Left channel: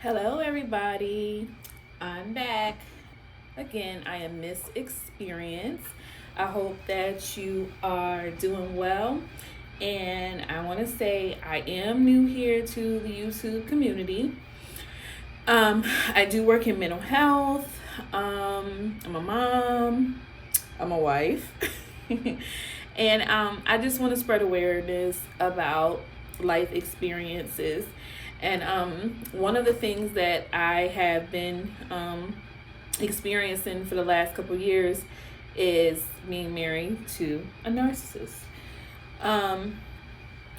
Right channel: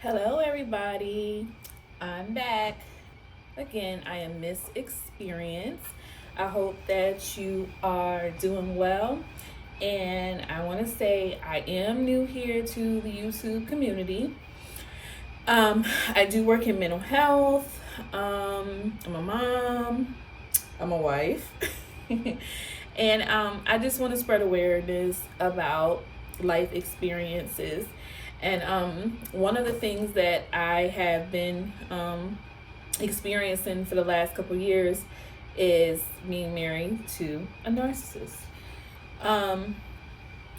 Hello, everybody. I'm back. Again, I am Miss Experience. I hope that you are doing well. And I want to say I am new here to the YouTube community. I do work in mental health. I'm a mom. I'm a wife. And I just want to spread awareness about life experiences. And one of the things that I have been experiencing for the last couple of years is being married to a narcissist. Um,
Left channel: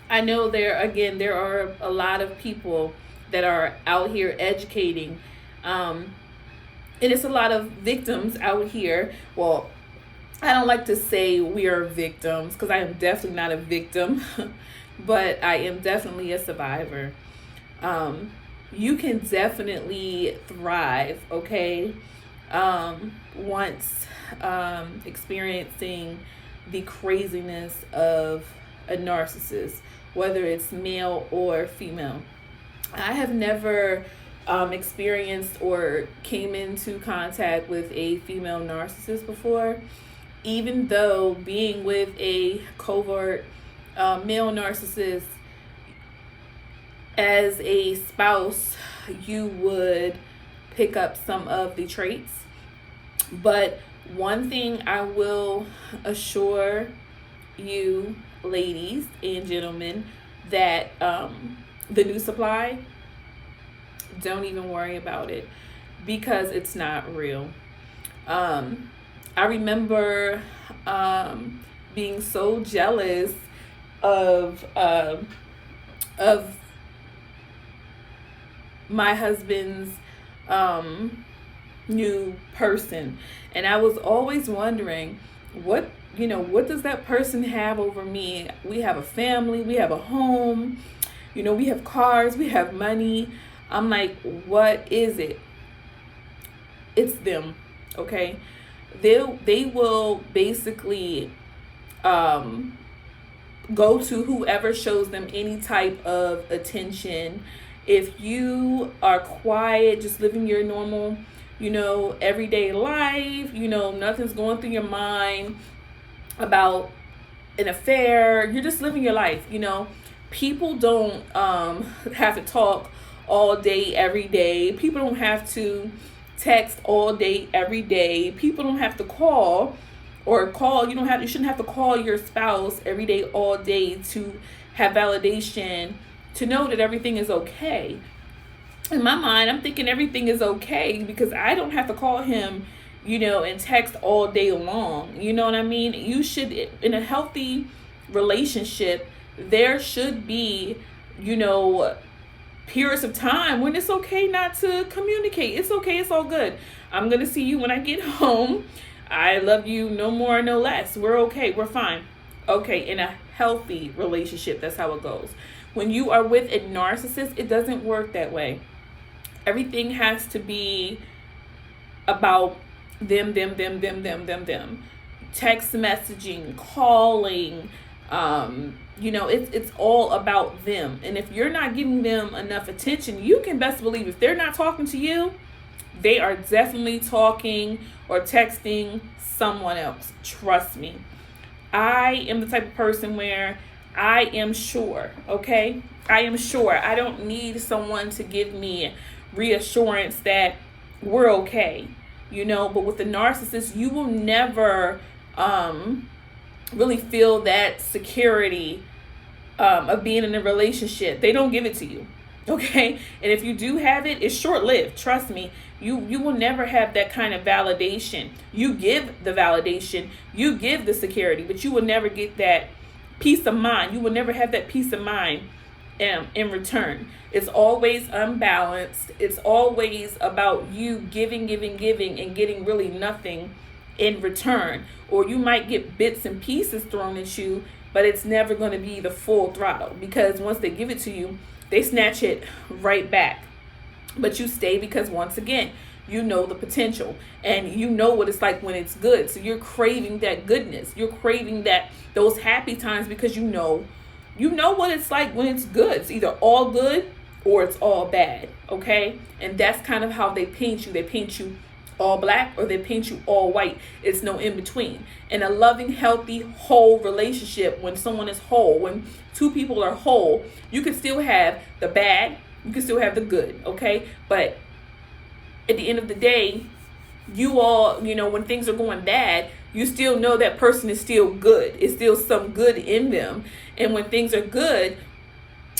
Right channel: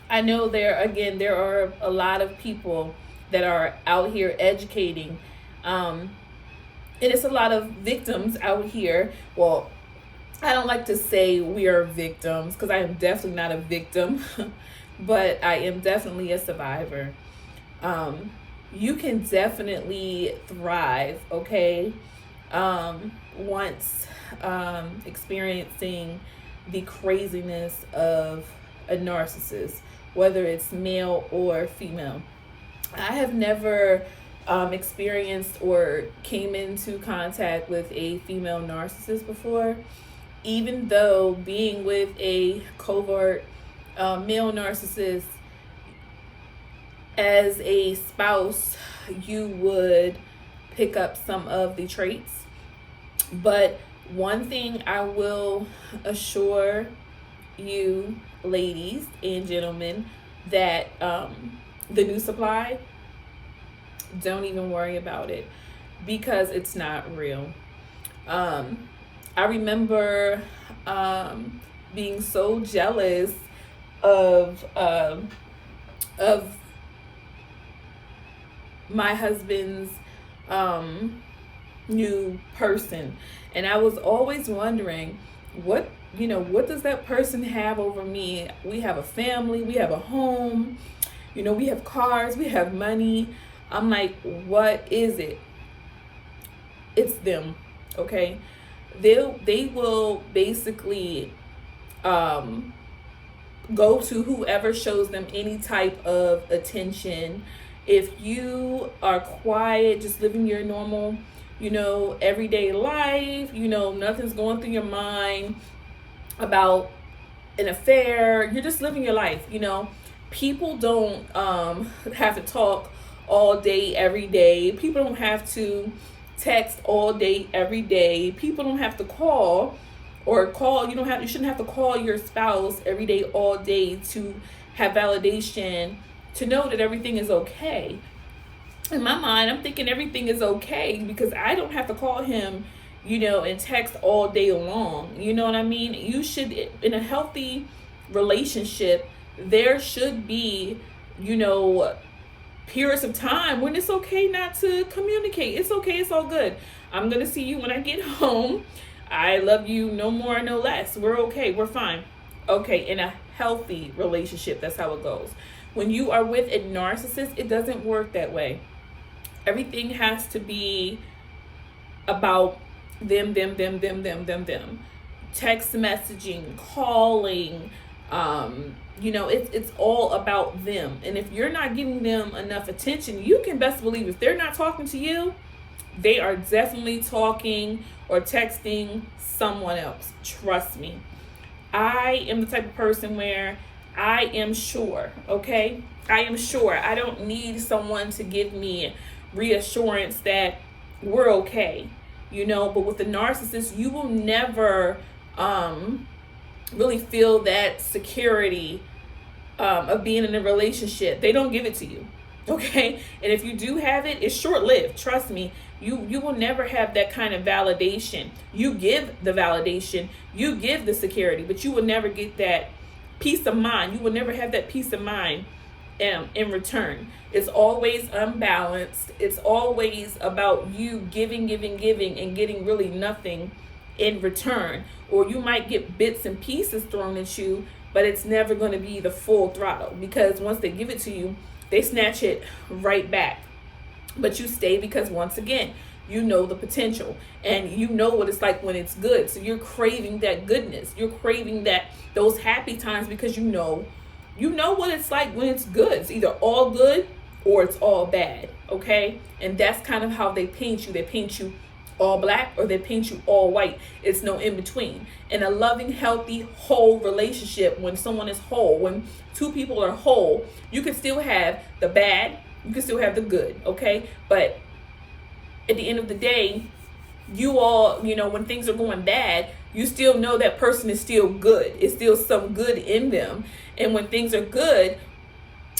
I know there are a lot of people that are out here educating, um, and it's a lot of victims out here. Well, I don't like to say we are victims because I am definitely not a victim, but I am definitely a survivor. Um, you can definitely thrive, okay? Once experiencing the craziness of a narcissist, whether it's male or female. I have never experienced or came into contact with a female narcissist before, even though being with a covert male narcissist as a spouse, you would pick up some of the traits. But one thing I will assure you, ladies and gentlemen, that the new supply, don't even worry about it because it's not real. I remember being so jealous of my husband's new person, and I was always wondering what does that person have over me. We have a family, we have a home, we have cars, we have money. I'm like, what is it? It's them. Okay, they will basically go to whoever shows them any type of attention. If you are quiet, just living your normal, everyday life, nothing's going through your mind about an affair, you're just living your life, people don't have to talk all day, every day. People don't have to text all day, every day. People don't have to call you shouldn't have to call your spouse every day, all day to have validation to know that everything is okay. In my mind, I'm thinking everything is okay because I don't have to call him, and text all day long. You know what I mean? You should, in a healthy relationship, there should be, periods of time when it's okay not to communicate. It's okay. It's all good. I'm going to see you when I get home. I love you, no more, no less. We're okay. We're fine. Okay. In a healthy relationship, that's how it goes. When you are with a narcissist, it doesn't work that way. Everything has to be about them. Text messaging, calling, it's all about them. And if you're not giving them enough attention, you can best believe if they're not talking to you, they are definitely talking or texting someone else. Trust me. I am the type of person where I am sure, okay? I am sure. I don't need someone to give me reassurance that we're okay, but with the narcissist, you will never really feel that security of being in a relationship. They don't give it to you, okay? And if you do have it, it's short-lived. Trust me. You will never have that kind of validation. You give the validation, you give the security, but you will never get that peace of mind. You will never have that peace of mind in return. It's always unbalanced. It's always about you giving, and getting really nothing in return. Or you might get bits and pieces thrown at you, but it's never going to be the full throttle, because once they give it to you, they snatch it right back. But you stay because, once again, you know the potential and you know what it's like when it's good. So you're craving that goodness. You're craving those happy times because you know what it's like when it's good. It's either all good or it's all bad, okay? And that's kind of how they paint you. They paint you all black or they paint you all white. It's no in between. In a loving, healthy, whole relationship, when someone is whole, when two people are whole, you can still have the bad, you can still have the good, okay? But at the end of the day, you all, when things are going bad, you still know that person is still good. It's still some good in them. And when things are good,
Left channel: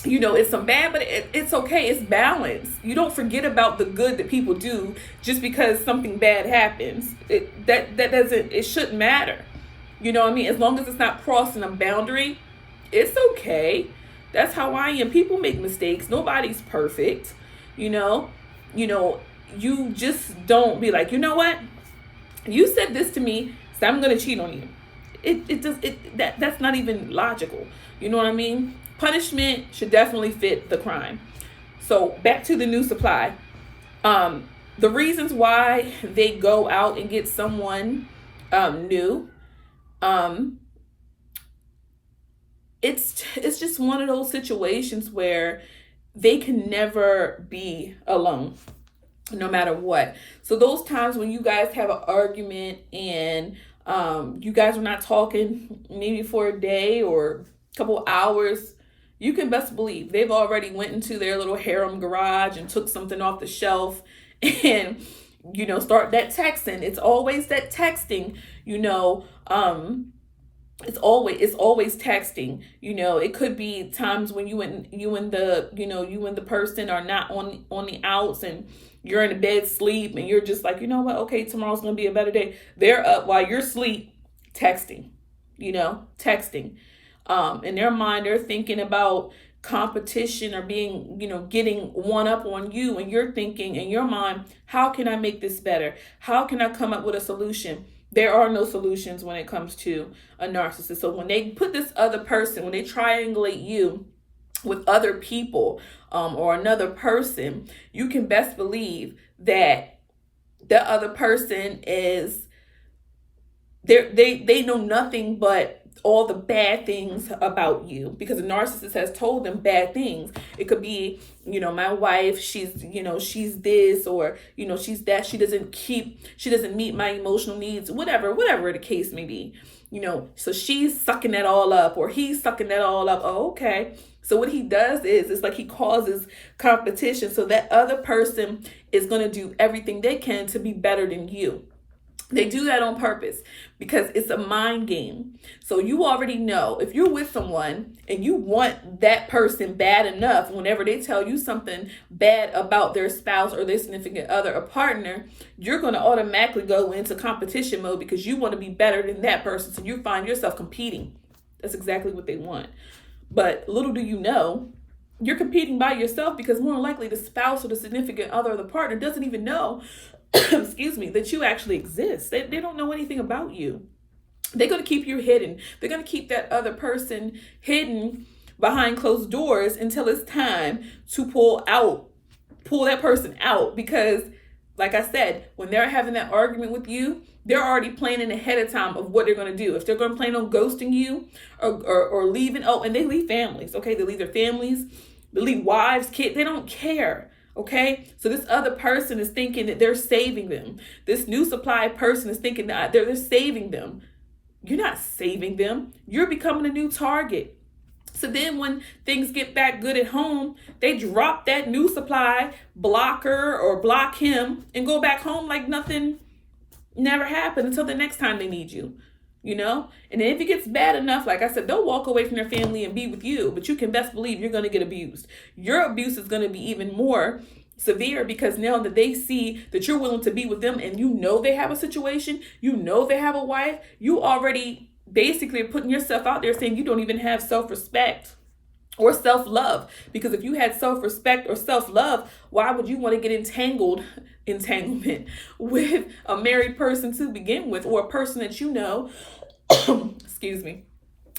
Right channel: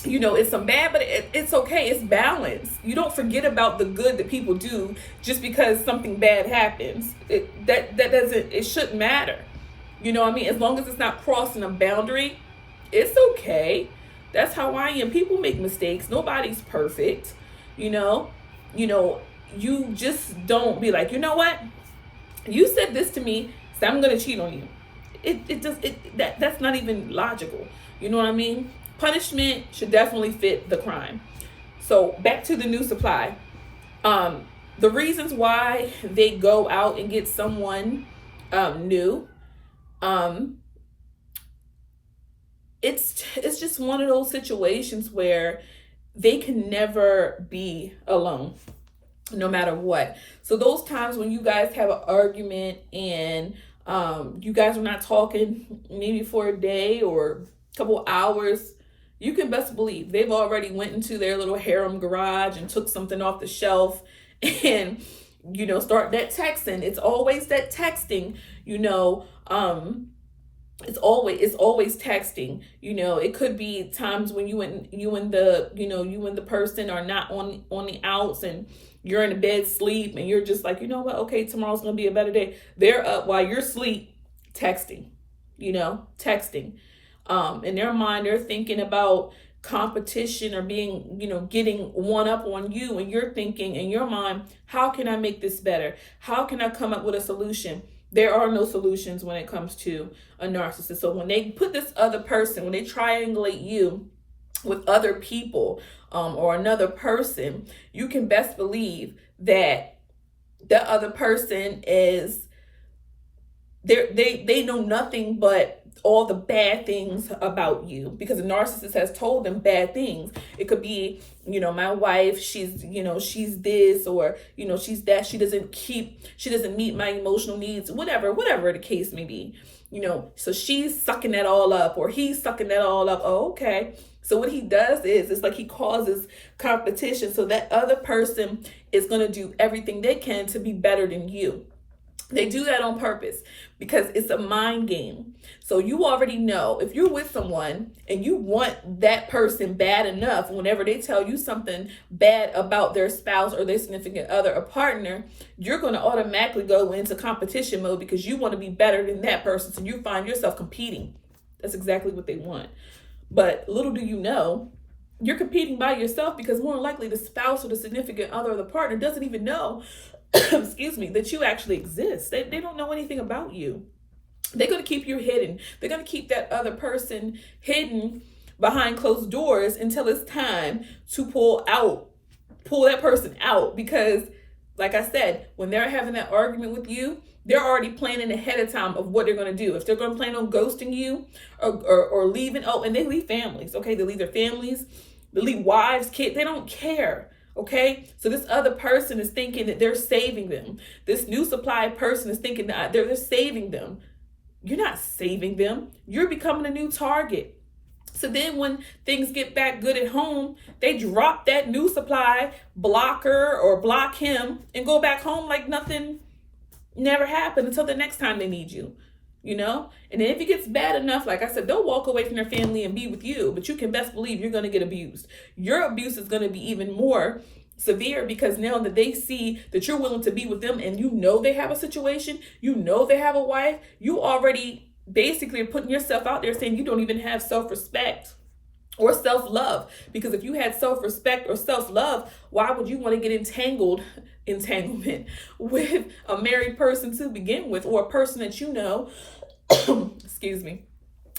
it's some bad, but it's okay. It's balance. You don't forget about the good that people do just because something bad happens. It shouldn't matter. You know what I mean? As long as it's not crossing a boundary, it's okay. That's how I am. People make mistakes. Nobody's perfect. You just don't be like, you know what? You said this to me, so I'm gonna cheat on you. That's not even logical. You know what I mean? Punishment should definitely fit the crime. So back to the new supply. The reasons why they go out and get someone new, it's just one of those situations where they can never be alone, no matter what. So those times when you guys have an argument and you guys are not talking maybe for a day or a couple hours, you can best believe they've already went into their little harem garage and took something off the shelf and start that texting. It's always that texting, it's always texting. It could be times when you and the person are not on the outs and you're in the bed sleep and you're just like, you know what, okay, tomorrow's gonna be a better day. They're up while you're asleep texting. In their mind, they're thinking about competition or being, getting one up on you. And you're thinking in your mind, how can I make this better? How can I come up with a solution? There are no solutions when it comes to a narcissist. So when they put this other person, when they triangulate you with other people or another person, you can best believe that the other person is, they know nothing but all the bad things about you, because the narcissist has told them bad things. It could be, my wife, she's this, or, she's that, she doesn't meet my emotional needs, whatever the case may be, so she's sucking that all up, or he's sucking that all up. Oh, okay. So what he does is, it's like he causes competition. So that other person is going to do everything they can to be better than you. They do that on purpose because it's a mind game. So you already know if you're with someone and you want that person bad enough, whenever they tell you something bad about their spouse or their significant other or partner, you're going to automatically go into competition mode because you want to be better than that person. So you find yourself competing. That's exactly what they want. But little do you know, you're competing by yourself, because more than likely the spouse or the significant other or the partner doesn't even know excuse me, that you actually exist. They don't know anything about you. They're going to keep you hidden. They're going to keep that other person hidden behind closed doors until it's time to pull that person out. Because like I said, when they're having that argument with you, they're already planning ahead of time of what they're going to do. If they're going to plan on ghosting you or leaving, and they leave families, okay? They leave their families, they leave wives, kids, they don't care. Okay, so this other person is thinking that they're saving them. This new supply person is thinking that they're saving them. You're not saving them. You're becoming a new target. So then when things get back good at home, they drop that new supply, block her or block him, and go back home like nothing never happened until the next time they need you. And then if it gets bad enough, like I said, they'll walk away from their family and be with you, but you can best believe you're going to get abused. Your abuse is going to be even more severe, because now that they see that you're willing to be with them and they have a situation, they have a wife, you already basically are putting yourself out there saying you don't even have self-respect or self-love. Because if you had self-respect or self-love, why would you want to get entanglement with a married person to begin with, or a person that excuse me,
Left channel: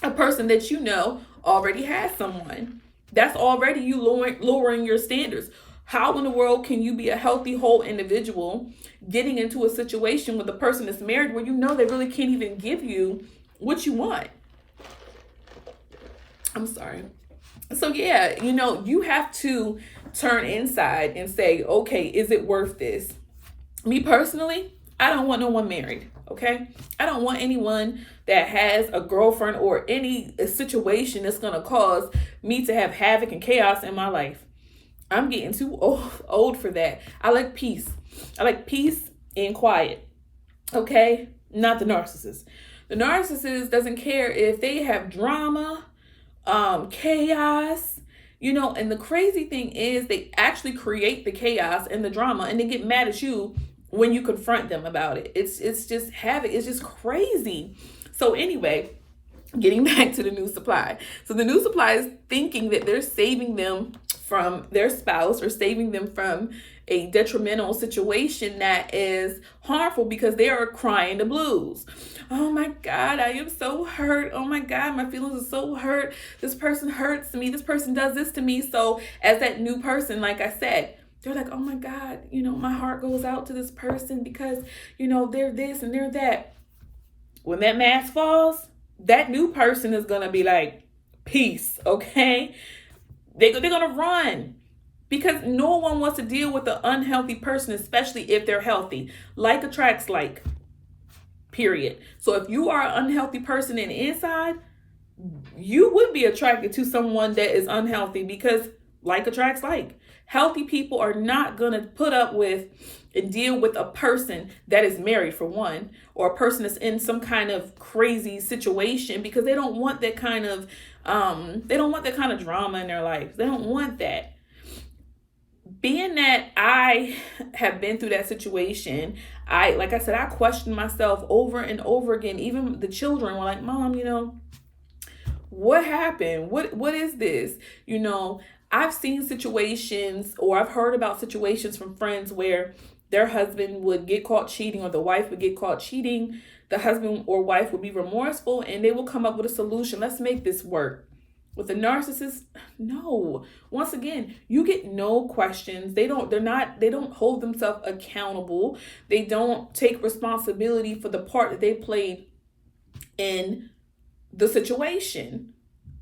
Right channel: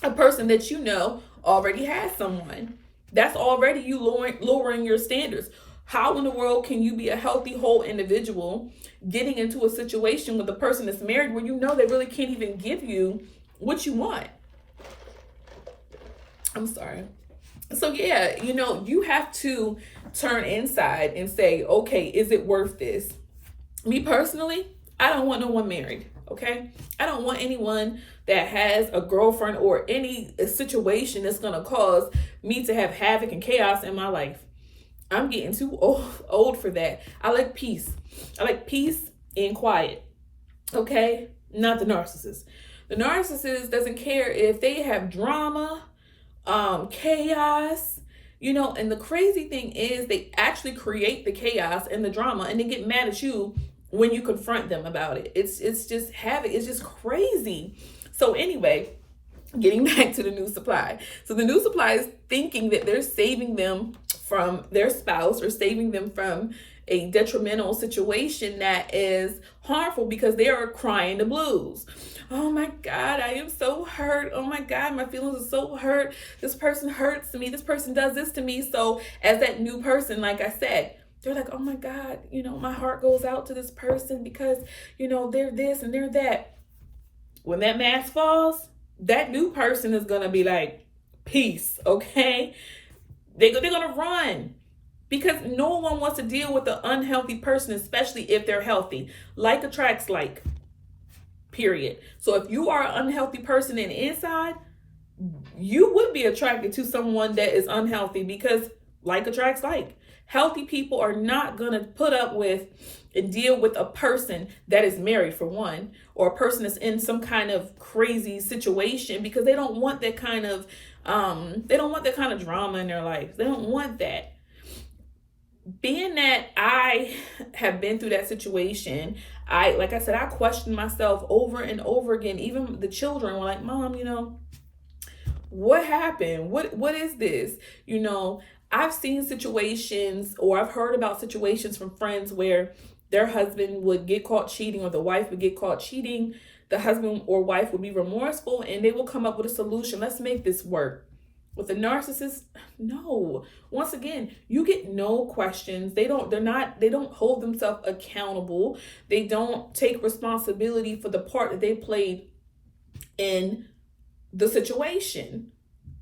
a person that already has someone? That's already you lowering your standards. How in the world can you be a healthy, whole individual getting into a situation with a person that's married where they really can't even give you what you want? I'm sorry. So yeah, you have to turn inside and say, okay, is it worth this? Me personally, I don't want no one married, okay? I don't want anyone that has a girlfriend or any situation that's going to cause me to have havoc and chaos in my life. I'm getting too old for that. I like peace. I like peace and quiet, okay? Not the narcissist. The narcissist doesn't care if they have drama, chaos, and the crazy thing is they actually create the chaos and the drama, and they get mad at you when you confront them about it. It's just havoc. It's just crazy. So anyway, getting back to the new supply. So the new supply is thinking that they're saving them from their spouse or saving them from a detrimental situation that is harmful because they are crying the blues. Oh my God, I am so hurt. Oh my God, my feelings are so hurt. This person hurts me. This person does this to me. So as that new person, like I said, they're like, oh my God, my heart goes out to this person because, they're this and they're that. When that mask falls, that new person is going to be like, peace, okay? They're going to run because no one wants to deal with an unhealthy person, especially if they're healthy. Like attracts like, period. So if you are an unhealthy person in the inside, you would be attracted to someone that is unhealthy because like attracts like. Healthy people are not going to put up with and deal with a person that is married, for one, or a person that's in some kind of crazy situation because they don't want that kind of drama in their life. They don't want that. Being that I have been through that situation, like I said, I questioned myself over and over again. Even the children were like, Mom, what happened? What is this? I've seen situations, or I've heard about situations from friends where their husband would get caught cheating, or the wife would get caught cheating. The husband or wife would be remorseful and they will come up with a solution. Let's make this work. With the narcissist, no. Once again, you get no questions. They don't hold themselves accountable. They don't take responsibility for the part that they played in the situation.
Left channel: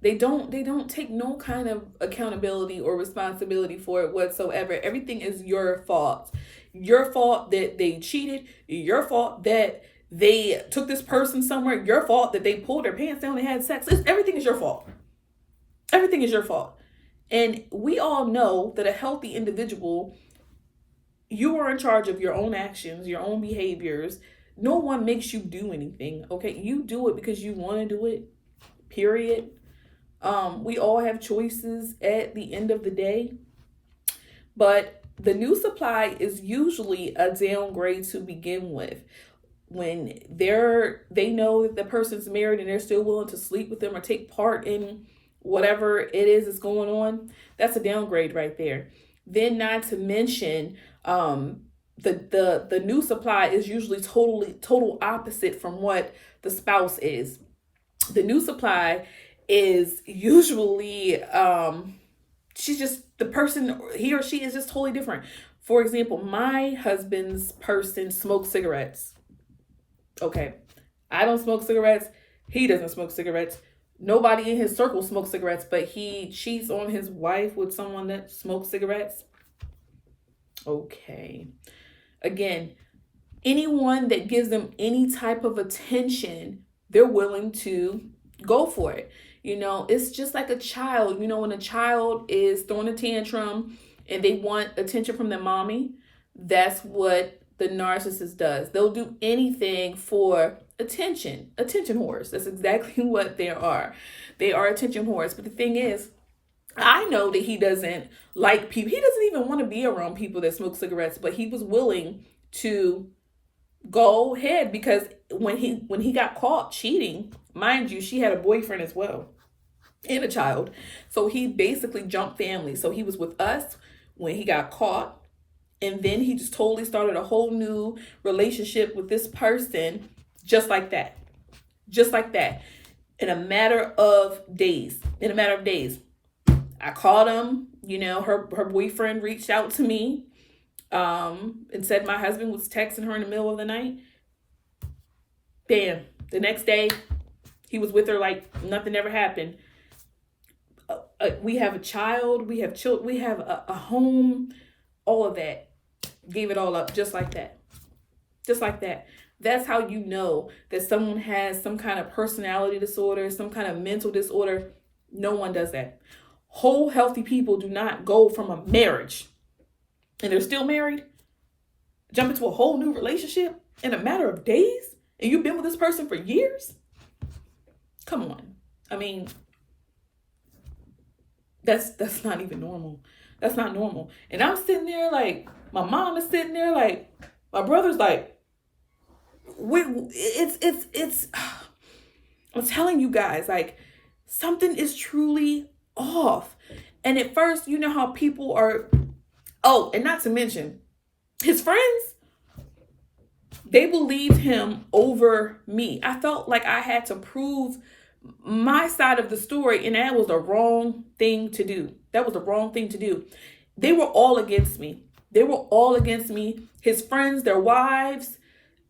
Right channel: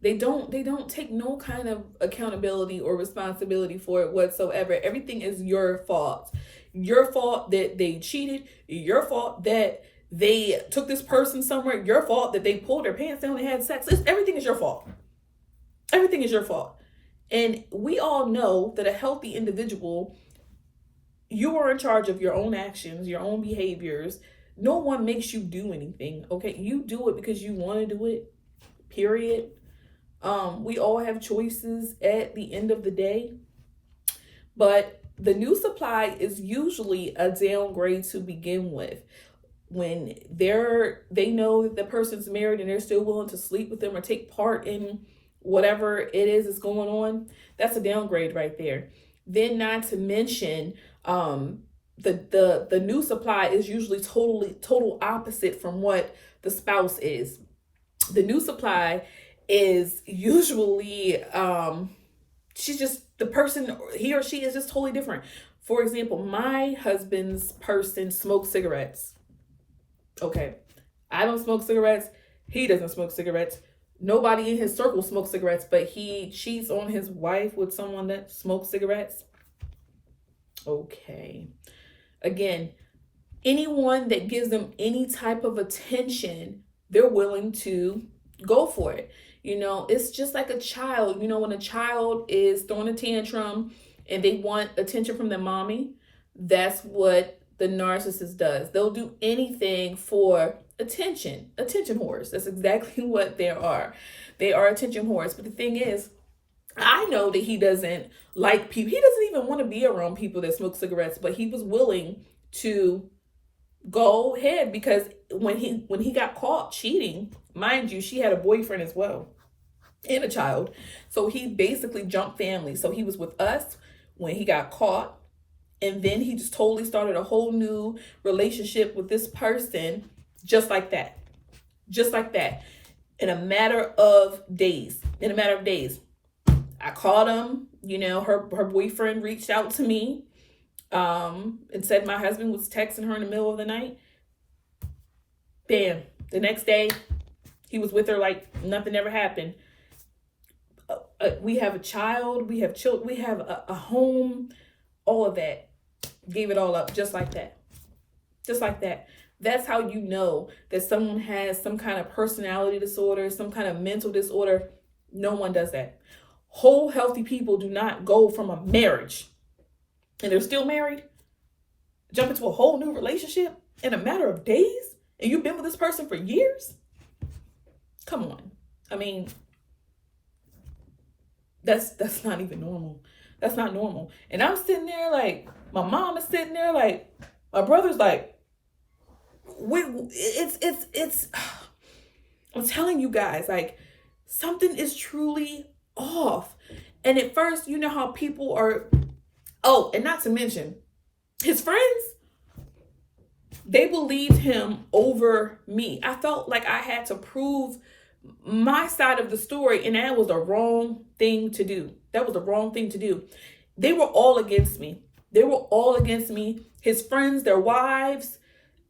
They don't take no kind of accountability or responsibility for it whatsoever. Everything is your fault. Your fault that they cheated. Your fault that they took this person somewhere. Your fault that they pulled their pants down and had sex. Everything is your fault. Everything is your fault. And we all know that a healthy individual, you are in charge of your own actions, your own behaviors. No one makes you do anything, okay? You do it because you want to do it, period. We all have choices at the end of the day. But the new supply is usually a downgrade to begin with. When they know that the person's married and they're still willing to sleep with them or take part in whatever it is that's going on, that's a downgrade right there. Then not to mention the new supply is usually total opposite from what the spouse is. The new supply is usually she's just the person, he or she is just totally different. For example, my husband's person smokes cigarettes. Okay, I don't smoke cigarettes. He doesn't smoke cigarettes. Nobody in his circle smokes cigarettes, but he cheats on his wife with someone that smokes cigarettes. Okay. Again, anyone that gives them any type of attention, they're willing to go for it. It's just like a child. When a child is throwing a tantrum and they want attention from their mommy, that's what the narcissist does. They'll do anything for attention whores. That's exactly what they are. They are attention whores. But the thing is, I know that he doesn't like people. He doesn't even want to be around people that smoke cigarettes, but he was willing to go ahead because when he got caught cheating, mind you, she had a boyfriend as well and a child. So he basically jumped family. So he was with us when he got caught. And then he just totally started a whole new relationship with this person just like that. Just like that. In a matter of days. I called him, her boyfriend reached out to me and said my husband was texting her in the middle of the night. Bam. The next day, he was with her like nothing ever happened. We have a child, we have children, we have a home, all of that. Gave it all up just like that. Just like that. That's how you know that someone has some kind of personality disorder, some kind of mental disorder. No one does that. Whole healthy people do not go from a marriage and they're still married, jump into a whole new relationship in a matter of days, and you've been with this person for years. Come on. I mean, that's not even normal. That's not normal. And I'm sitting there like, my mom is sitting there like, my brother's like, it's I'm telling you guys, like, something is truly off. And at first, you know how people are, oh, and not to mention his friends, they believed him over me. I felt like I had to prove my side of the story, and that was the wrong thing to do. That was the wrong thing to do. They were all against me. They were all against me. His friends, their wives,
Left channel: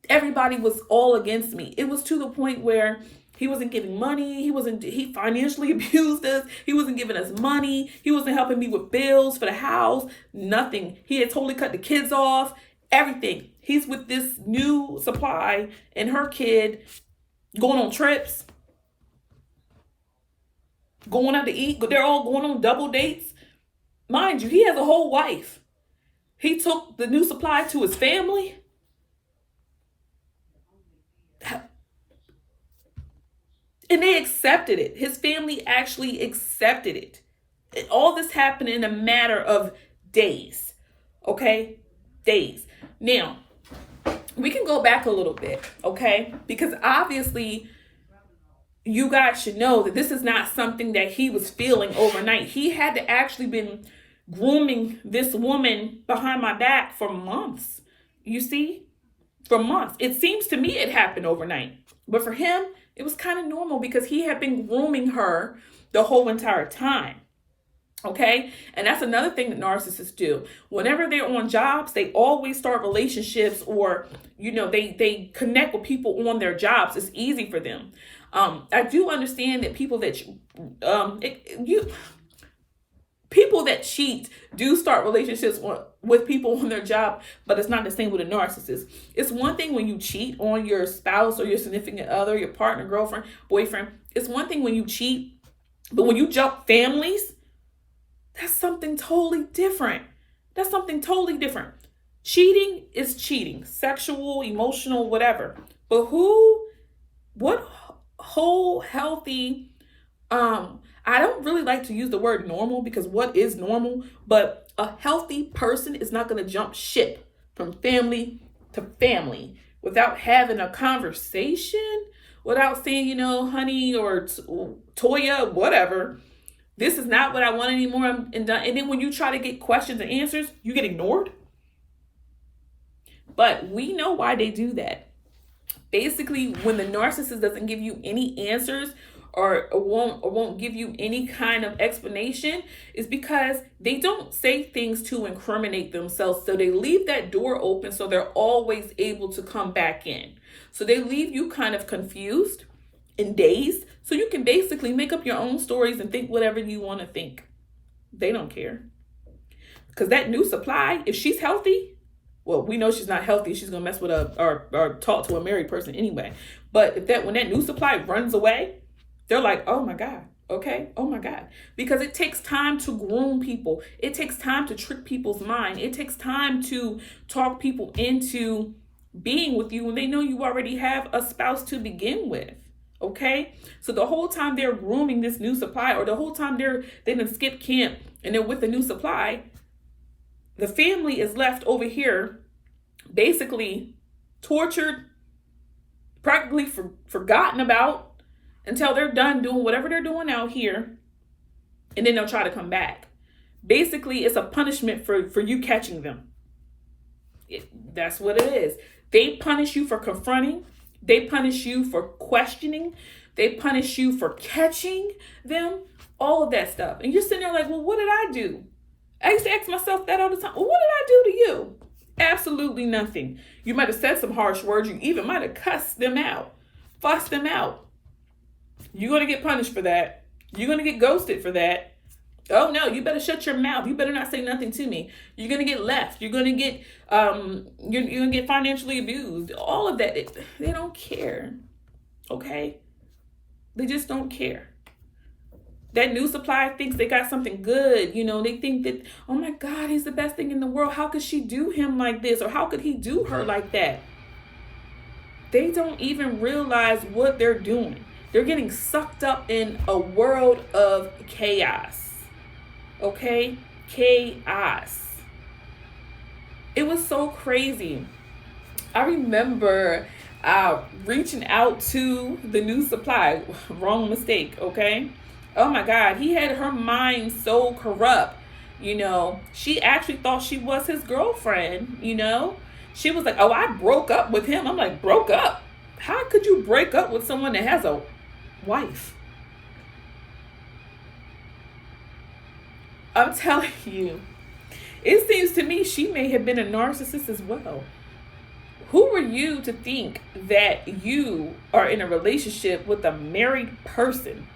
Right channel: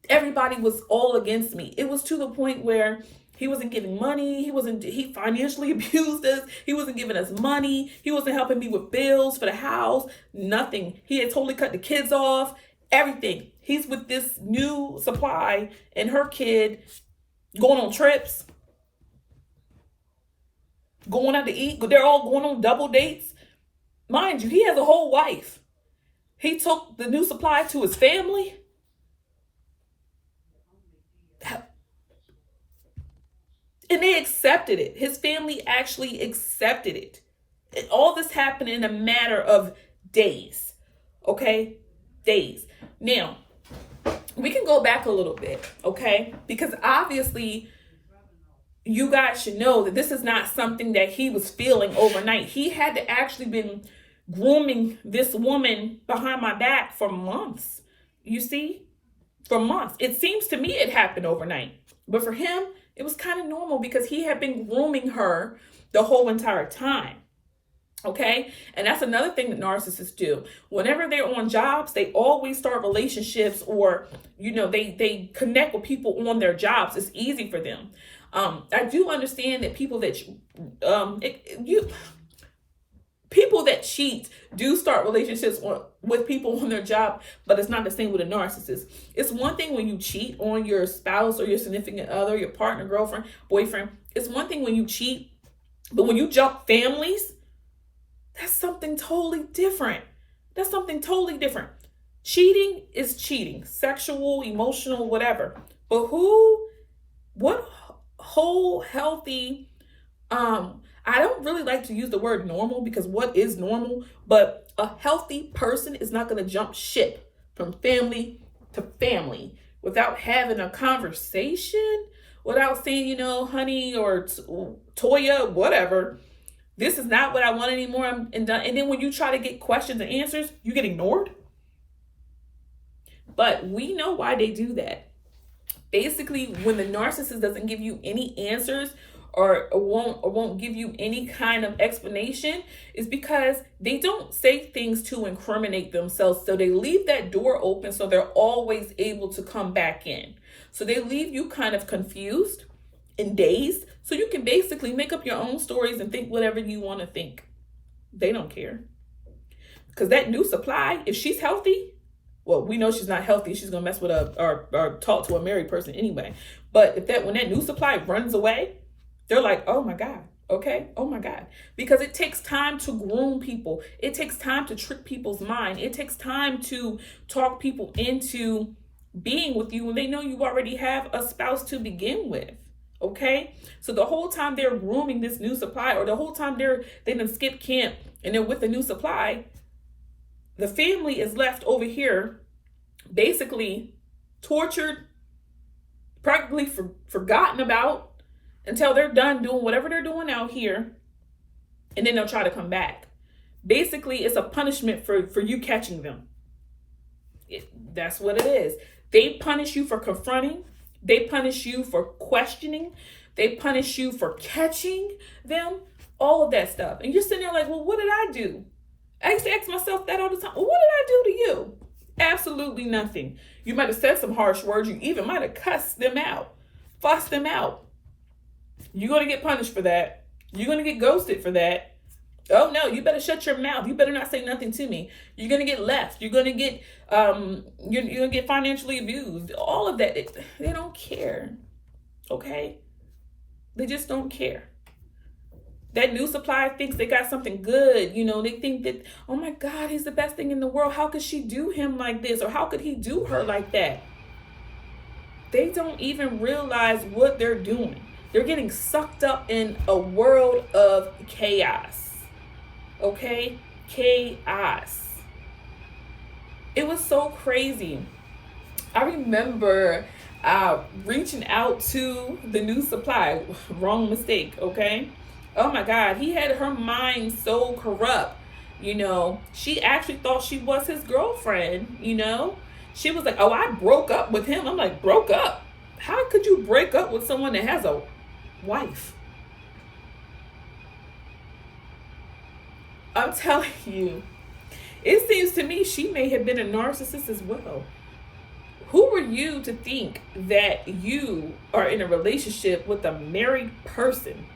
everybody was all against me. It was to the point where he wasn't giving money. He financially abused us. He wasn't giving us money. He wasn't helping me with bills for the house. Nothing. He had totally cut the kids off. Everything. He's with this new supply and her kid going on trips, going out to eat. They're all going on double dates. Mind you, he has a whole wife. He took the new supply to his family. And they accepted it. His family actually accepted it. And all this happened in a matter of days. Okay? Days. Now, we can go back a little bit, okay? Because obviously, you guys should know that this is not something that he was feeling overnight. He had to actually been grooming this woman behind my back for months. You see? For months. It seems to me it happened overnight. But for him, it was kind of normal because he had been grooming her the whole entire time. Okay? And that's another thing that narcissists do. Whenever they're on jobs, they always start relationships, or, you know, they connect with people on their jobs. It's easy for them. I do understand that people that people that cheat do start relationships with people on their job, but it's not the same with a narcissist. It's one thing when you cheat on your spouse or your significant other, your partner, girlfriend, boyfriend. It's one thing when you cheat, but when you jump families, that's something totally different. That's something totally different. Cheating is cheating, sexual, emotional, whatever. But what whole healthy, I don't really like to use the word normal, because what is normal? But a healthy person is not going to jump ship from family to family without having a conversation, without saying, you know, honey or Toya, whatever. This is not what I want anymore. And then when you try to get questions and answers, you get ignored. But we know why they do that. Basically, when the narcissist doesn't give you any answers or won't give you any kind of explanation, is because they don't say things to incriminate themselves. So they leave that door open so they're always able to come back in. So they leave you kind of confused and dazed, so you can basically make up your own stories and think whatever you want to think. They don't care. Because that new supply, if she's healthy, well, we know she's not healthy. She's going to mess with or talk to a married person anyway. But when that new supply runs away, they're like, oh my God, okay, oh my God. Because it takes time to groom people. It takes time to trick people's mind. It takes time to talk people into being with you when they know you already have a spouse to begin with. Okay, so the whole time they're grooming this new supply, or the whole time they done skip camp and they're with the new supply, the family is left over here basically tortured, practically forgotten about, until they're done doing whatever they're doing out here, and then they'll try to come back. Basically, it's a punishment for you catching them. That's what it is. They punish you for confronting. They punish you for questioning. They punish you for catching them. All of that stuff. And you're sitting there like, well, what did I do? I used to ask myself that all the time. Well, what did I do to you? Absolutely nothing. You might have said some harsh words. You even might have cussed them out, fussed them out. You're going to get punished for that. You're going to get ghosted for that. Oh no, you better shut your mouth. You better not say nothing to me. You're gonna get left. You're gonna get you're gonna get financially abused. All of that. They don't care. Okay? They just don't care. That new supplier thinks they got something good. You know, they think that, oh my God, he's the best thing in the world. How could she do him like this? Or how could he do her like that? They don't even realize what they're doing. They're getting sucked up in a world of chaos. Okay? Chaos. It was so crazy. I remember reaching out to the new supply. Wrong mistake, okay? Oh my God, he had her mind so corrupt. You know, she actually thought she was his girlfriend, you know? She was like, oh, I broke up with him. I'm like, broke up? How could you break up with someone that has a wife? I'm telling you, it seems to me she may have been a narcissist as well. Who are you to think that you are in a relationship with a married person?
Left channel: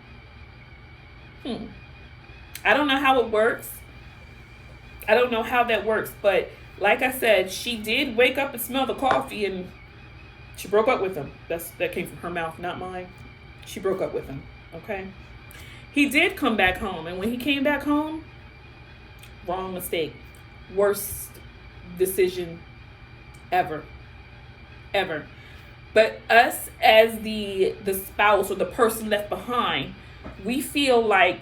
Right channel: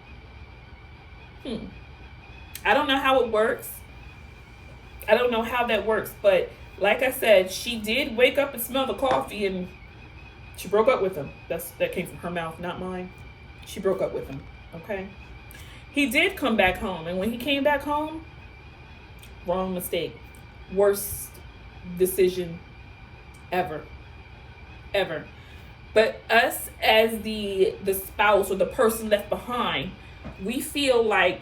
I don't know how it works. I don't know how that works, but like I said, she did wake up and smell the coffee, and she broke up with him. That came from her mouth, not mine. She broke up with him, okay? He did come back home, and when he came back home, wrong mistake. Worst decision ever. Ever. But us as the spouse or the person left behind, we feel like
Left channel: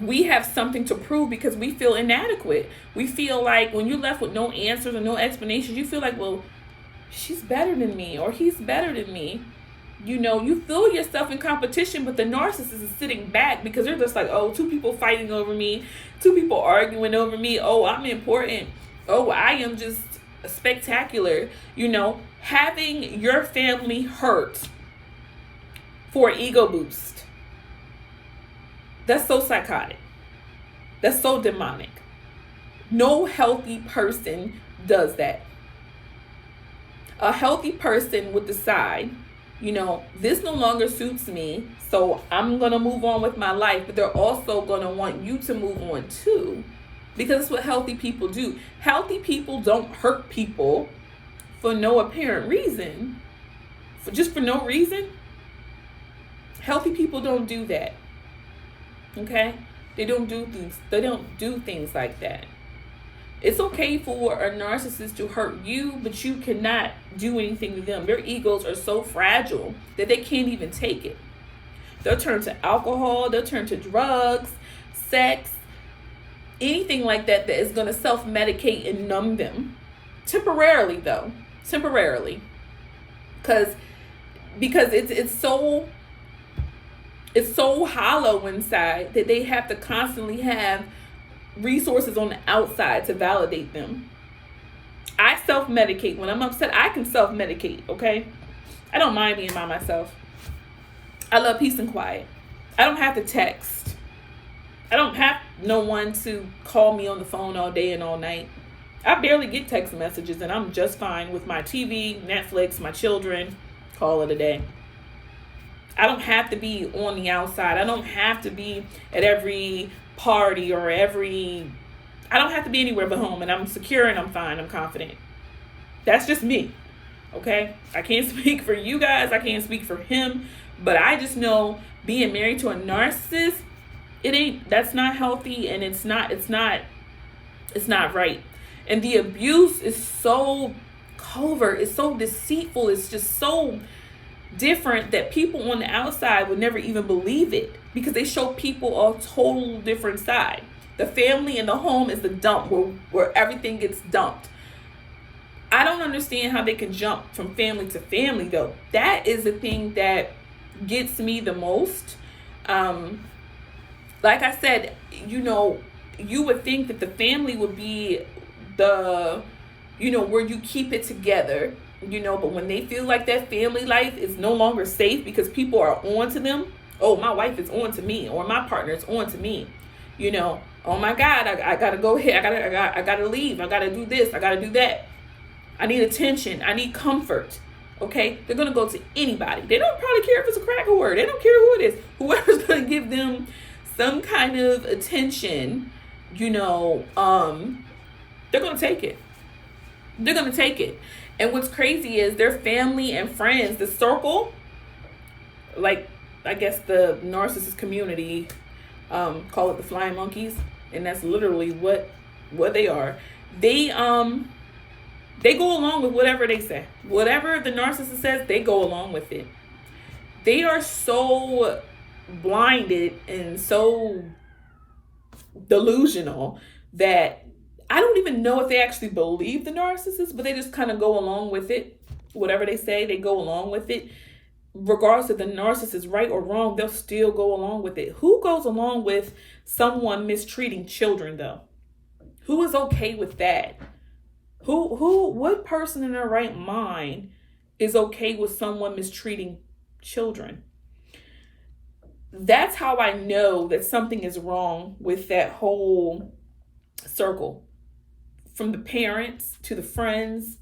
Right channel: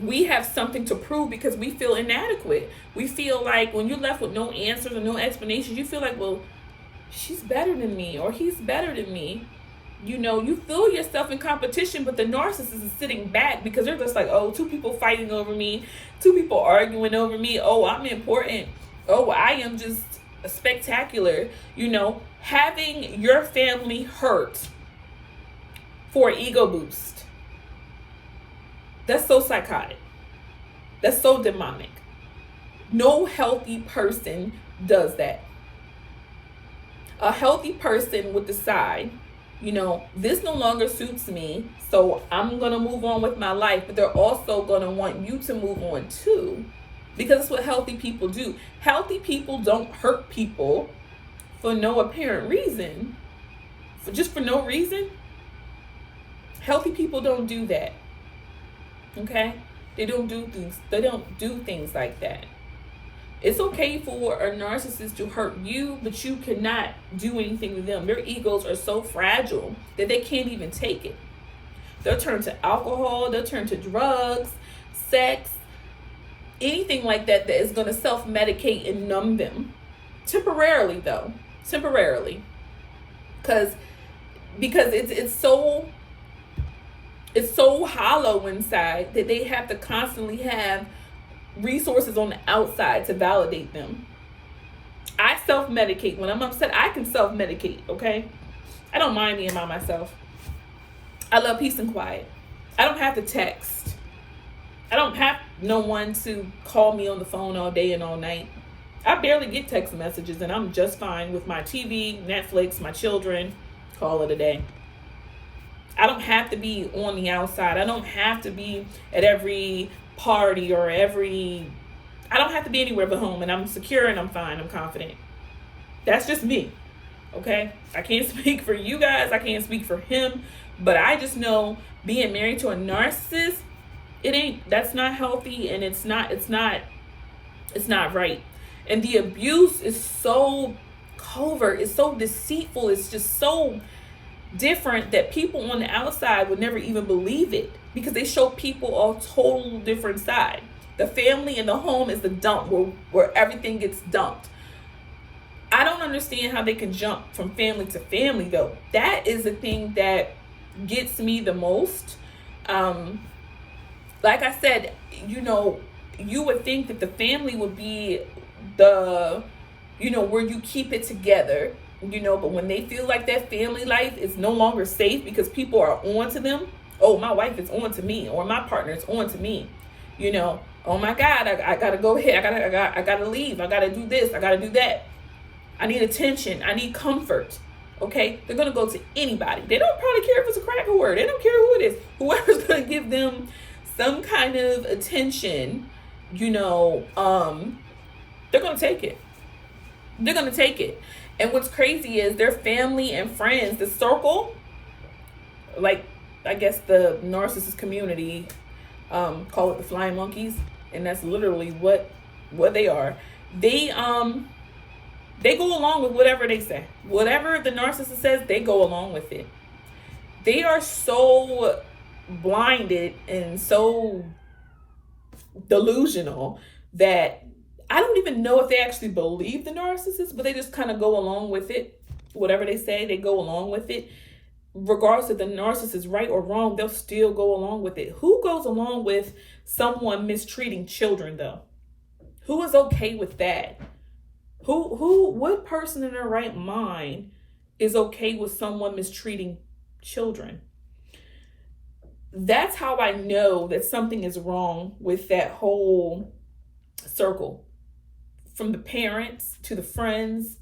we have something to prove because we feel inadequate. We feel like when you're left with no answers or no explanations, you feel like, well, she's better than me or he's better than me. You know, you feel yourself in competition, but the narcissist is sitting back because they're just like, oh, two people fighting over me, two people arguing over me. Oh, I'm important. Oh, I am just spectacular. You know, having your family hurt for an ego boost. That's so psychotic. That's so demonic. No healthy person does that. A healthy person would decide, you know, this no longer suits me, so I'm going to move on with my life. But they're also going to want you to move on too, because it's what healthy people do. Healthy people don't hurt people for no apparent reason, for no reason. Healthy people don't do that. Okay? They don't do things like that. It's okay for a narcissist to hurt you, but you cannot do anything to them. Their egos are so fragile that they can't even take it. They'll turn to alcohol, they'll turn to drugs, sex, anything like that that is going to self-medicate and numb them. Temporarily, though. Temporarily. Because it's so hollow inside that they have to constantly have resources on the outside to validate them. I self-medicate. When I'm upset, I can self-medicate, okay? I don't mind being by myself. I love peace and quiet. I don't have to text. I don't have no one to call me on the phone all day and all night. I barely get text messages, and I'm just fine with my TV, Netflix, my children. Call it a day. I don't have to be on the outside. I don't have to be at every party or I don't have to be anywhere but home, and I'm secure and I'm fine. I'm confident. That's just me. Okay? I can't speak for you guys. I can't speak for him, but I just know being married to a narcissist, that's not healthy, and it's not right. And the abuse is so covert. It's so deceitful. It's just so different that people on the outside would never even believe it, because they show people a total different side. The family and the home is the dump where everything gets dumped. I don't understand how they can jump from family to family, though. That is the thing that gets me the most. Like I said, you know, you would think that the family would be the, you know, where you keep it together. You know, but when they feel like that family life is no longer safe because people are on to them, oh, my wife is on to me, or my partner is on to me, you know, oh my God, I gotta go ahead, I gotta leave, I gotta do this, I gotta do that, I need attention, I need comfort. Okay, they're gonna go to anybody. They don't probably care if it's a crack whore. They don't care who it is. Whoever's gonna give them some kind of attention, you know, they're going to take it. They're going to take it. And what's crazy is their family and friends, the circle, like, I guess the narcissist community call it the flying monkeys, and that's literally what they are. They go along with whatever they say. Whatever the narcissist says, they go along with it. They are so blinded and so delusional that I don't even know if they actually believe the narcissist, but they just kind of go along with it. Whatever they say, they go along with it. Regardless if the narcissist is right or wrong, they'll still go along with it. Who goes along with someone mistreating children, though? Who is okay with that? What person in their right mind is okay with someone mistreating children? That's how I know that something is wrong with that whole circle. From the parents to the friends,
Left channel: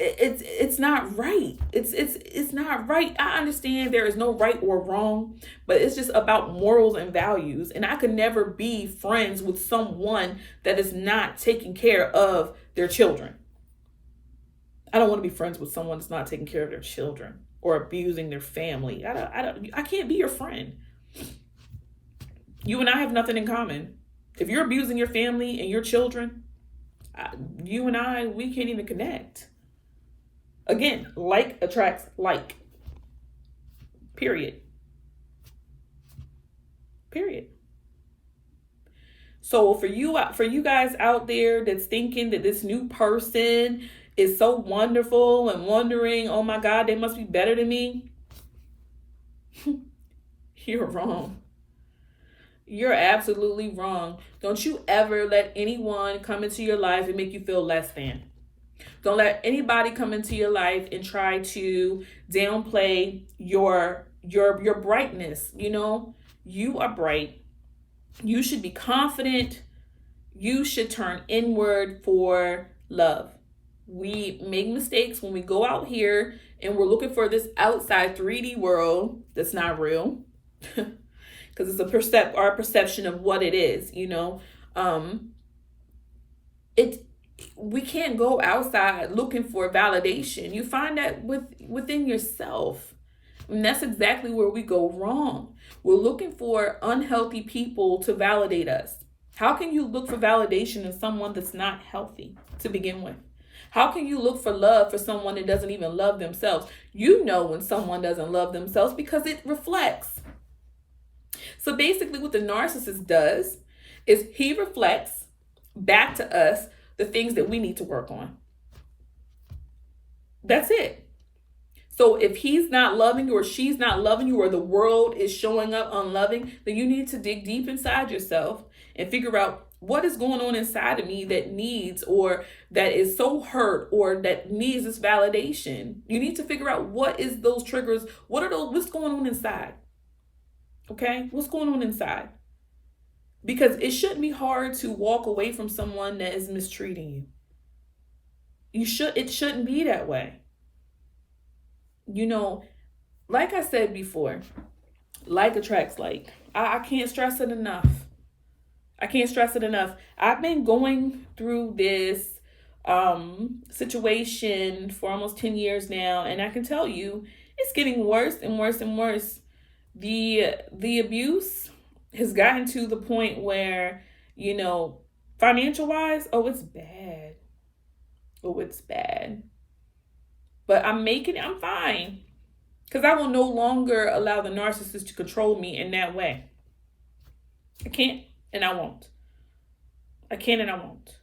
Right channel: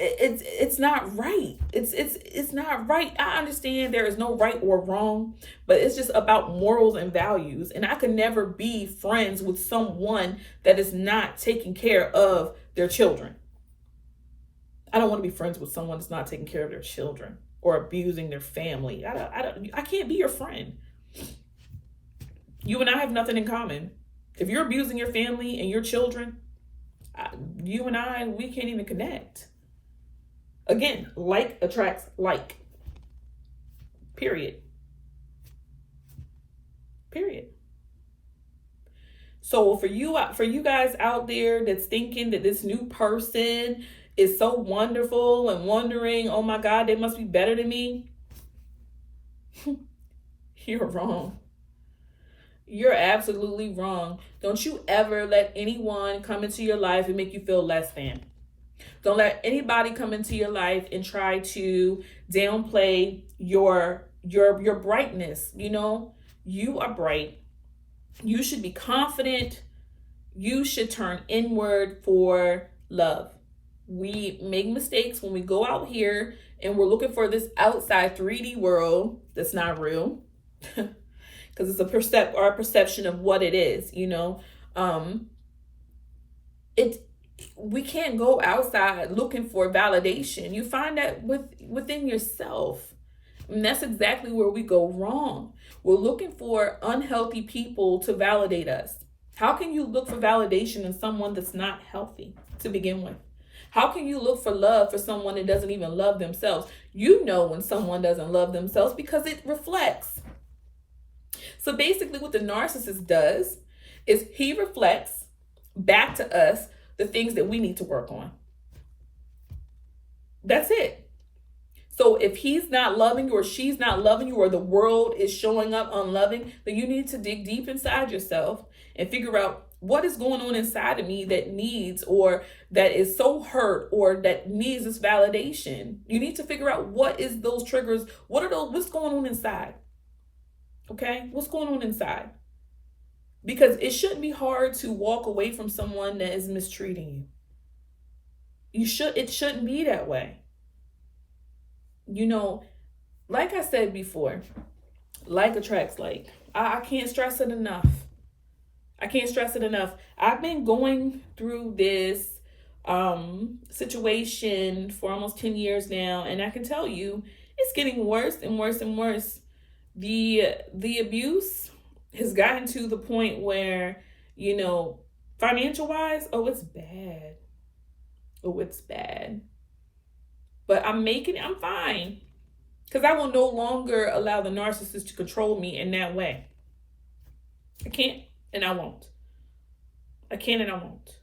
it's not right. It's not right. I understand there is no right or wrong, but it's just about morals and values. And I could never be friends with someone that is not taking care of their children. I don't want to be friends with someone that's not taking care of their children or abusing their family. I can't be your friend. You and I have nothing in common. If you're abusing your family and your children, you and I, we can't even connect. Again, like attracts like. Period. So for you guys out there that's thinking that this new person is so wonderful and wondering, oh my God, they must be better than me. You're wrong. You're absolutely wrong. Don't you ever let anyone come into your life and make you feel less than. Don't let anybody come into your life and try to downplay your brightness. You know, you are bright. You should be confident. You should turn inward for love. We make mistakes when we go out here and we're looking for this outside 3D world that's not real. Because it's our perception of what it is, you know. We can't go outside looking for validation. You find that within yourself. And that's exactly where we go wrong. We're looking for unhealthy people to validate us. How can you look for validation in someone that's not healthy to begin with? How can you look for love for someone that doesn't even love themselves? You know when someone doesn't love themselves because it reflects. So basically what the narcissist does is he reflects back to us the things that we need to work on. That's it. So if he's not loving you or she's not loving you or the world is showing up unloving, then you need to dig deep inside yourself and figure out what is going on inside of me that needs or that is so hurt or that needs this validation. You need to figure out what is those triggers. What's going on inside? Okay, what's going on inside? Because it shouldn't be hard to walk away from someone that is mistreating you. It shouldn't be that way. You know, like I said before, like attracts like. I can't stress it enough. I've been going through this situation for almost 10 years now, and I can tell you it's getting worse and worse and worse. The abuse has gotten to the point where, you know, financial wise, it's bad. It's bad. But I'm fine. Because I will no longer allow the narcissist to control me in that way. I can't and I won't. I can and I won't.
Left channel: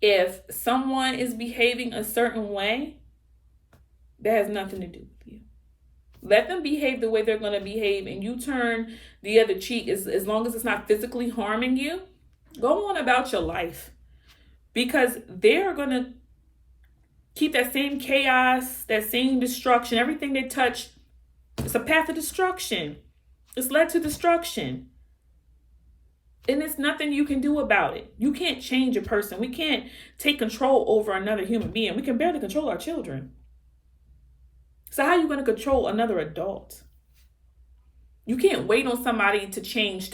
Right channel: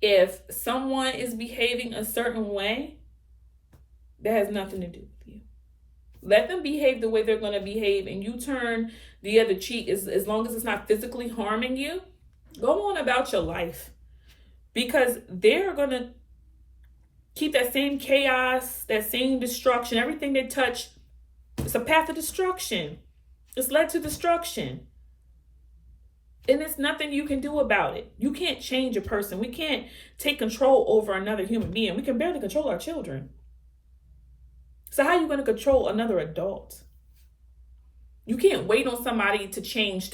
If someone is behaving a certain way, that has nothing to do with you. Let them behave the way they're going to behave, and you turn the other cheek as long as it's not physically harming you. Go on about your life, because they're going to keep that same chaos, that same destruction. Everything they touch, it's a path of destruction. It's led to destruction. And there's nothing you can do about it. You can't change a person. We can't take control over another human being. We can barely control our children. So how are you going to control another adult? You can't wait on somebody to change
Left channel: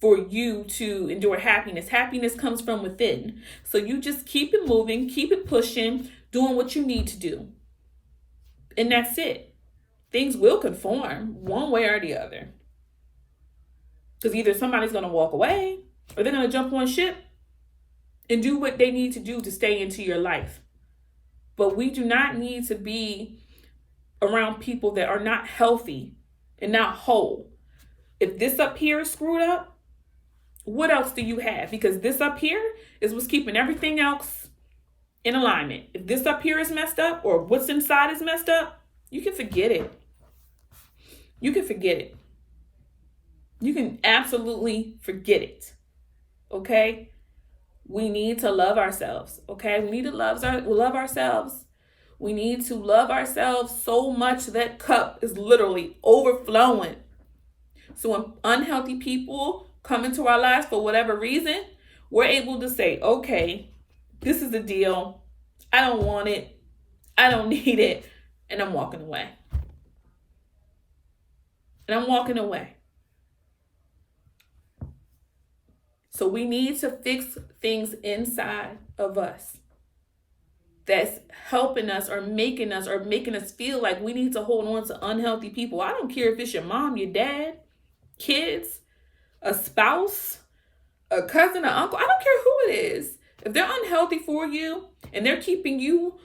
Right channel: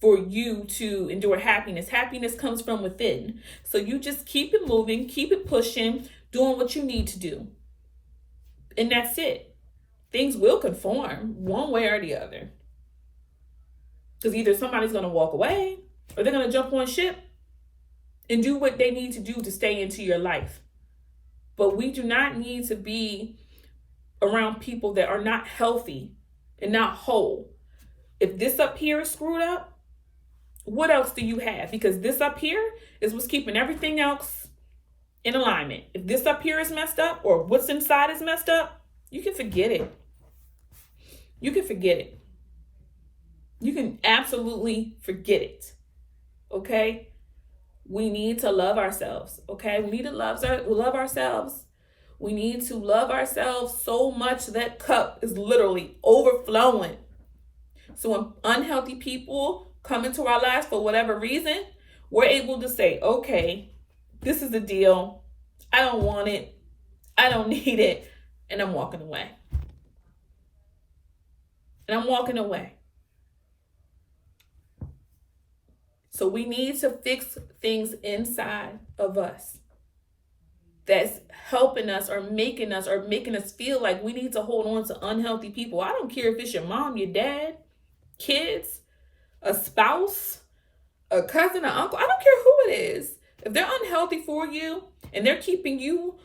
for you to endure happiness. Happiness comes from within. So you just keep it moving, keep it pushing, doing what you need to do. And that's it. Things will conform one way or the other. Because either somebody's going to walk away or they're going to jump on ship and do what they need to do to stay into your life. But we do not need to be around people that are not healthy and not whole. If this up here is screwed up, what else do you have? Because this up here is what's keeping everything else in alignment. If this up here is messed up or what's inside is messed up, you can forget it. You can forget it. You can absolutely forget it. Okay? We need to love ourselves. Okay? We need to love ourselves. We need to love ourselves so much that cup is literally overflowing. So when unhealthy people come into our lives for whatever reason, we're able to say, okay, this is the deal. I don't want it. I don't need it. And I'm walking away. And I'm walking away. So we need to fix things inside of us that's helping us or making us feel like we need to hold on to unhealthy people. I don't care if it's your mom, your dad, kids, a spouse, a cousin, an uncle. I don't care who it is. If they're unhealthy for you and they're keeping you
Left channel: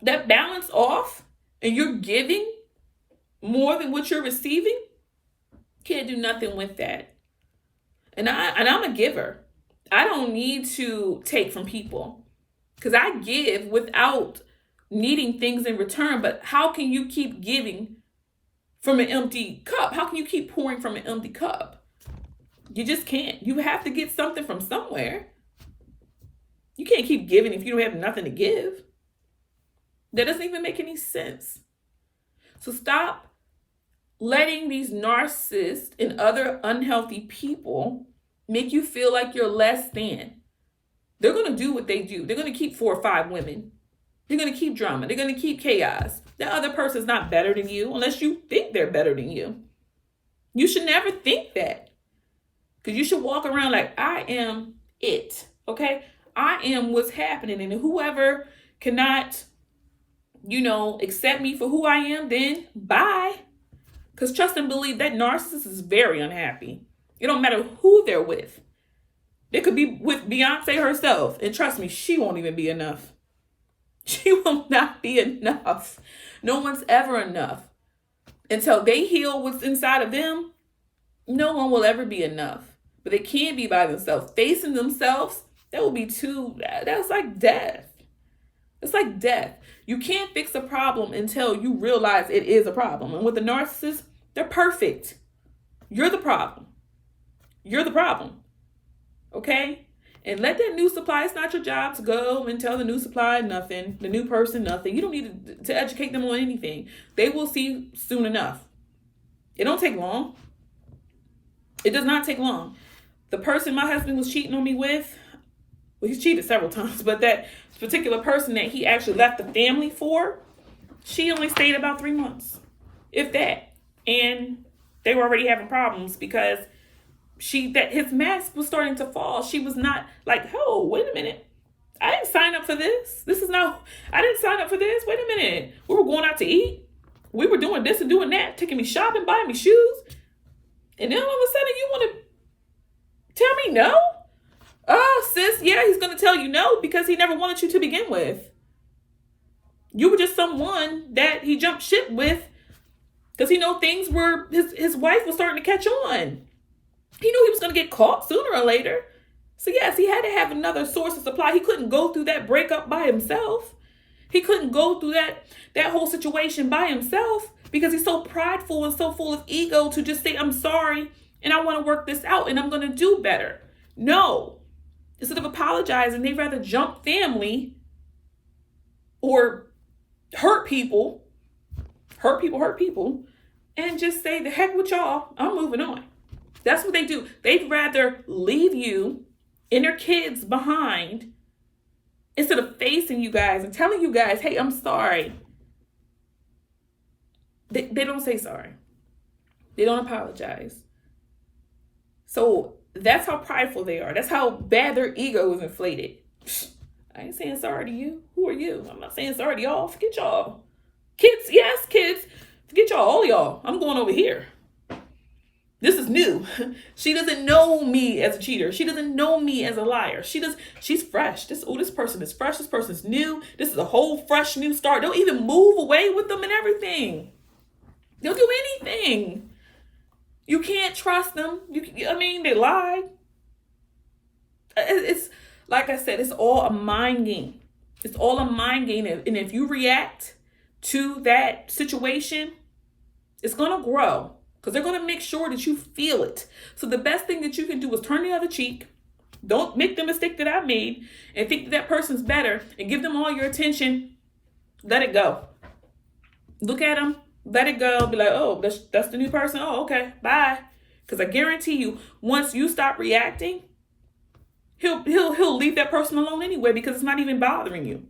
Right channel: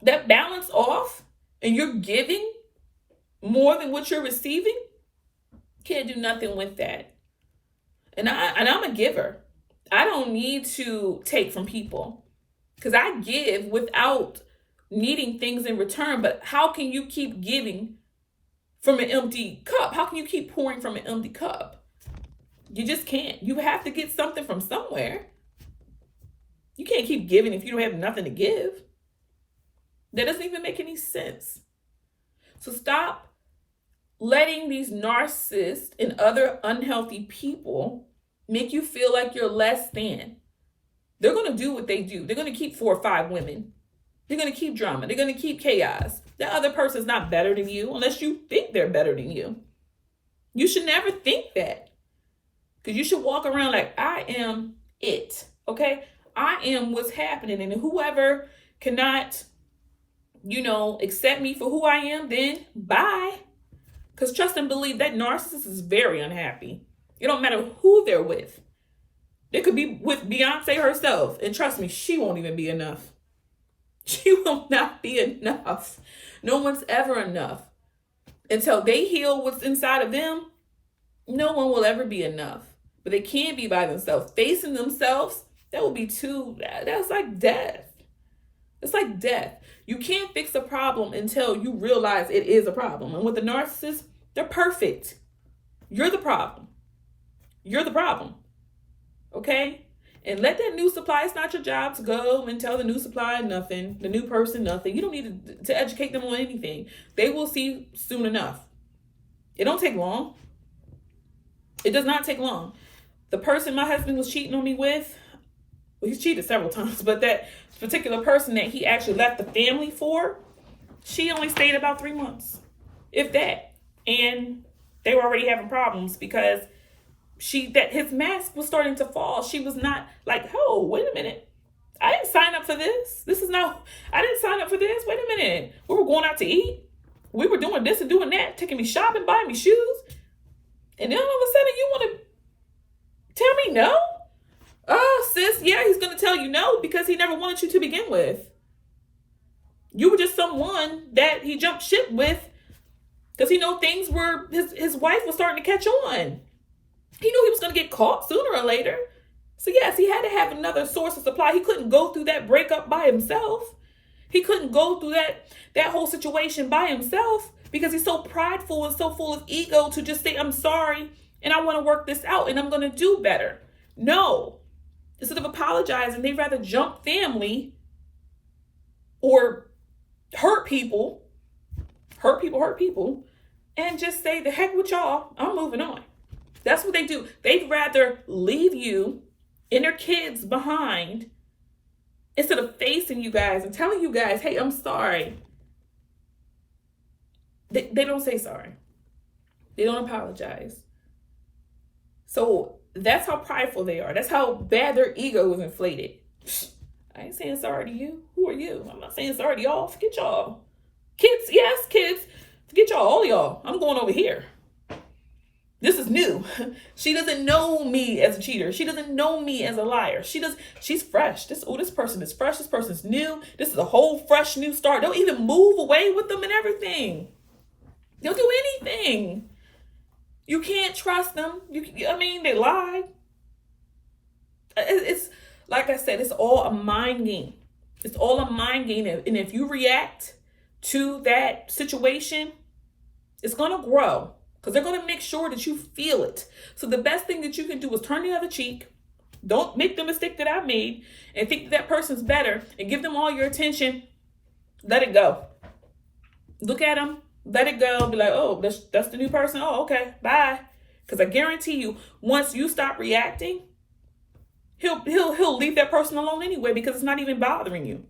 that balance off and you're giving more than what you're receiving, can't do nothing with that. And I'm a giver. I don't need to take from people because I give without needing things in return. But how can you keep giving from an empty cup? How can you keep pouring from an empty cup? You just can't. You have to get something from somewhere. You can't keep giving if you don't have nothing to give. That doesn't even make any sense. So stop letting these narcissists and other unhealthy people make you feel like you're less than. They're going to do what they do. They're going to keep 4 or 5 women. They're going to keep drama. They're going to keep chaos. That other person's not better than you unless you think they're better than you. You should never think that. Because you should walk around like, I am it. Okay? I am what's happening. And whoever cannot, accept me for who I am, then bye. Because trust and believe that narcissist is very unhappy. It don't matter who they're with. They could be with Beyonce herself. And trust me, she won't even be enough. She will not be enough. No one's ever enough. Until they heal what's inside of them, no one will ever be enough. But they can't be by themselves. Facing themselves, that will be that's like death. It's like death. You can't fix a problem until you realize it is a problem. And with the narcissist, they're perfect. You're the problem. You're the problem. Okay? And let that new supply, it's not your job to go and tell the new supply nothing, the new person nothing. You don't need to educate them on anything. They will see soon enough. It don't take long. It does not take long. The person my husband was cheating on me with, well, he's cheated several times, but that particular person that he actually left the family for, she only stayed about 3 months, if that. And they were already having problems because his mask was starting to fall. She was not like, oh, wait a minute. I didn't sign up for this. I didn't sign up for this. Wait a minute. We were going out to eat. We were doing this and doing that, taking me shopping, buying me shoes. And then all of a sudden you want to tell me no? Oh, sis, yeah, he's going to tell you no because he never wanted you to begin with. You were just someone that he jumped ship with because things were, his wife was starting to catch on. He knew he was going to get caught sooner or later. So yes, he had to have another source of supply. He couldn't go through that breakup by himself. He couldn't go through that whole situation by himself because he's so prideful and so full of ego to just say, I'm sorry and I want to work this out and I'm going to do better. No. Instead of apologizing, they'd rather jump family or hurt people, and just say, the heck with y'all, I'm moving on. That's what they do. They'd rather leave you and your kids behind instead of facing you guys and telling you guys, hey, I'm sorry. They don't say sorry. They don't apologize. So that's how prideful they are. That's how bad their ego is inflated. I ain't saying sorry to you. Who are you? I'm not saying sorry to y'all. Forget y'all. Kids, yes, kids. Forget y'all, all y'all. I'm going over here. This is new. She doesn't know me as a cheater. She doesn't know me as a liar. She's fresh. This person is fresh. This person's new. This is a whole fresh new start. They'll even move away with them and everything. They'll do anything. You can't trust them. They lie. It's like I said, it's all a mind game. It's all a mind game. And if you react to that situation, it's going to grow because they're going to make sure that you feel it. So the best thing that you can do is turn the other cheek. Don't make the mistake that I made and think that person's better and give them all your attention. Let it go. Look at them. Let it go. Be like, oh, that's the new person. Oh, okay. Bye. Because I guarantee you, once you stop reacting, he'll leave that person alone anyway because it's not even bothering you.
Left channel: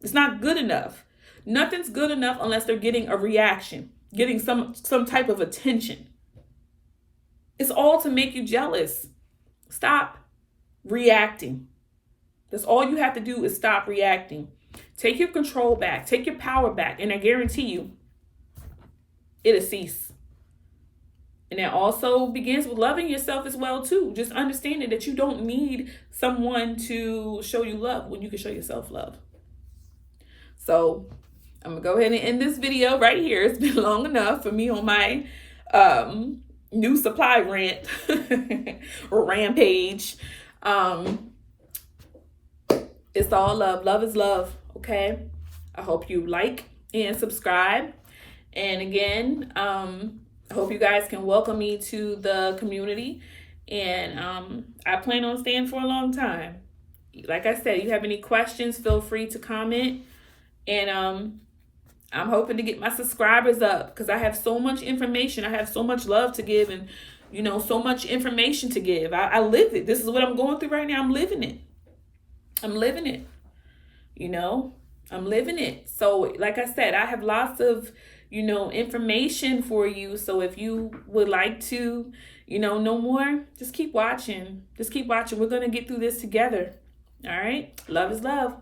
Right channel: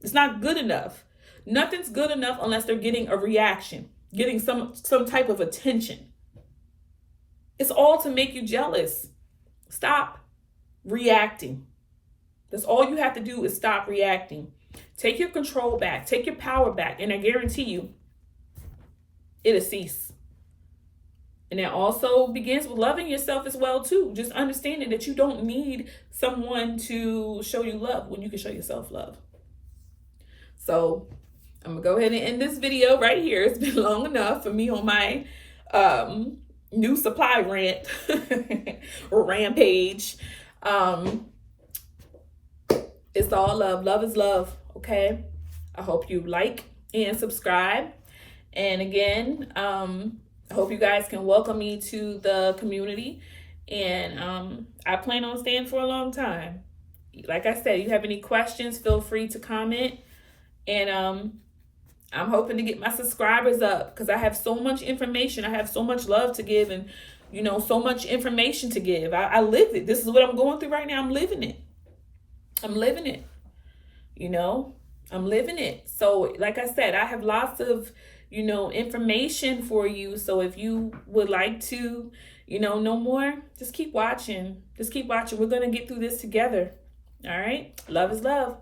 It's not good enough. Nothing's good enough unless they're getting a reaction, getting some type of attention. It's all to make you jealous. Stop reacting. That's all you have to do is stop reacting. Take your control back. Take your power back. And I guarantee you, it'll cease. And that also begins with loving yourself as well, too. Just understanding that you don't need someone to show you love when you can show yourself love. So I'm going to go ahead and end this video right here. It's been long enough for me on my new supply rant or rampage. It's all love. Love is love. Okay. I hope you like and subscribe. And again, I hope you guys can welcome me to the community. And I plan on staying for a long time. Like I said, you have any questions, feel free to comment. And I'm hoping to get my subscribers up because I have so much information. I have so much love to give and, so much information to give. I live it. This is what I'm going through right now. I'm living it. I'm living it. I'm living it. So like I said, I have lots of, information for you. So if you would like to, know more, just keep watching. Just keep watching. We're going to get through this together. All right. Love is love.